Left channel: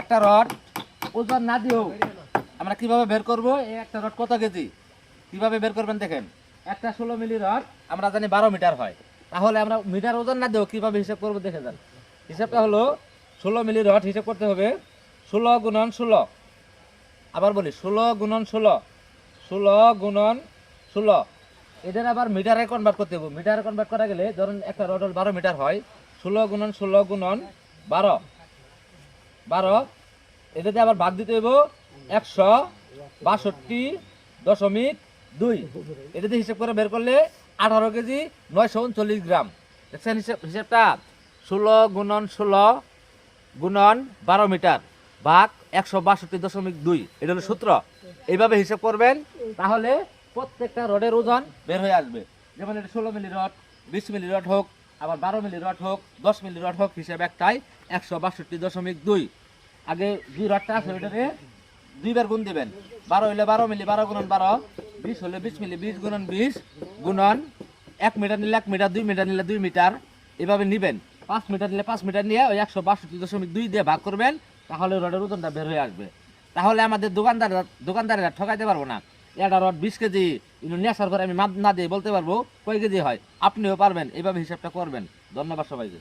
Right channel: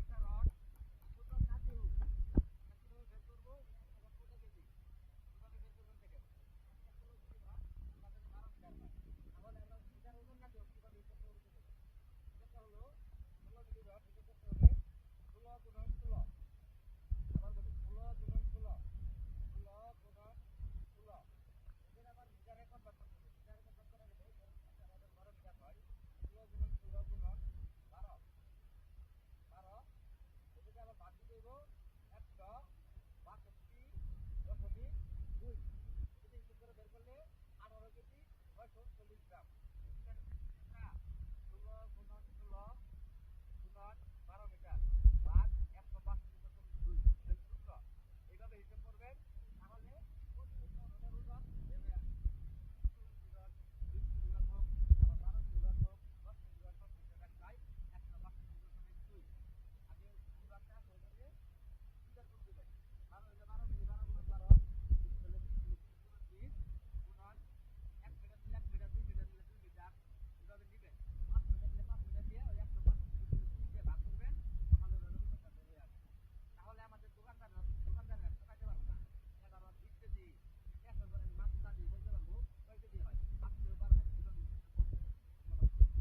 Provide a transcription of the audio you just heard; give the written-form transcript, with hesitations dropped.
একটা রড ওজন না দিও আমরা কিভাবে বের করব এই একটা রড কত কেজি কিভাবে বের করবেন দেখেন একটা 16 মিলি রড আমরা জানি 12 মিটার হয় তাহলে আমরা মিটার ওজন না দিও কিভাবে হিসাব করব দেখে যান হিসাবটা হলো 16 মিলি রড হিসাব করতে হবে 16 গুণন 16 আবার বলি 16 গুণন 16 16 গুণন 16 এদের আবার মিটারে কনভার্ট করতে হবে মিটারে কনভার্ট করা গেলে ধরুন একটা রড 12 মিটার হয় 16 গুণন 16 গুণন 12 12 এটাতে আবার ভাগ দিতে হইব 162.2 এটাতে হিসাব করে বের করলে 18 কেজি 939 গ্রাম দেখছেন হিসাবটা 16 গুণন 16 গুণন 12 মিটার ভাগ 162.2 এটা হলো সূত্র এইভাবে হিসাব করবেন তাহলে প্রত্যেকটা রডের ওজন বের হয়ে আসবে যেমন এটা 16 মিলি রড 20 মিলি রড হোক আবার 12 মিলি রড হোক 10 মিলি রড হোক হিসাব একটাই 162.2 আগে যে রডটা আছে ওইটাতে দুইবার গুণ দিবেন 12 হইলে 12 মিলি 12 গুণন 12 20 হলে 20 মিলি 20 গুণন 20 গুণন 1 মিটার নিলে 1 মিটার 2 মিটার নিলে 2 মিটার এভাবে নিবেন 5 মিটার নিলে 5 মিটার নিয়ে ওই 162.2 দিয়ে ভাগ করবেন তাহলে রডের ওজনটা বের হয়ে আসবে তাহলে আমাদের দোকানদারেরা ঠকাইতে পারবো না এটা রড 20 কেজি নেশার করে আমি মাপ না দিয়ে বলতে পারবো কয় কেজি হয় আপনিও পারবেন এইভাবে হিসাবটা করবেন ধন্যবাদ সবাইকে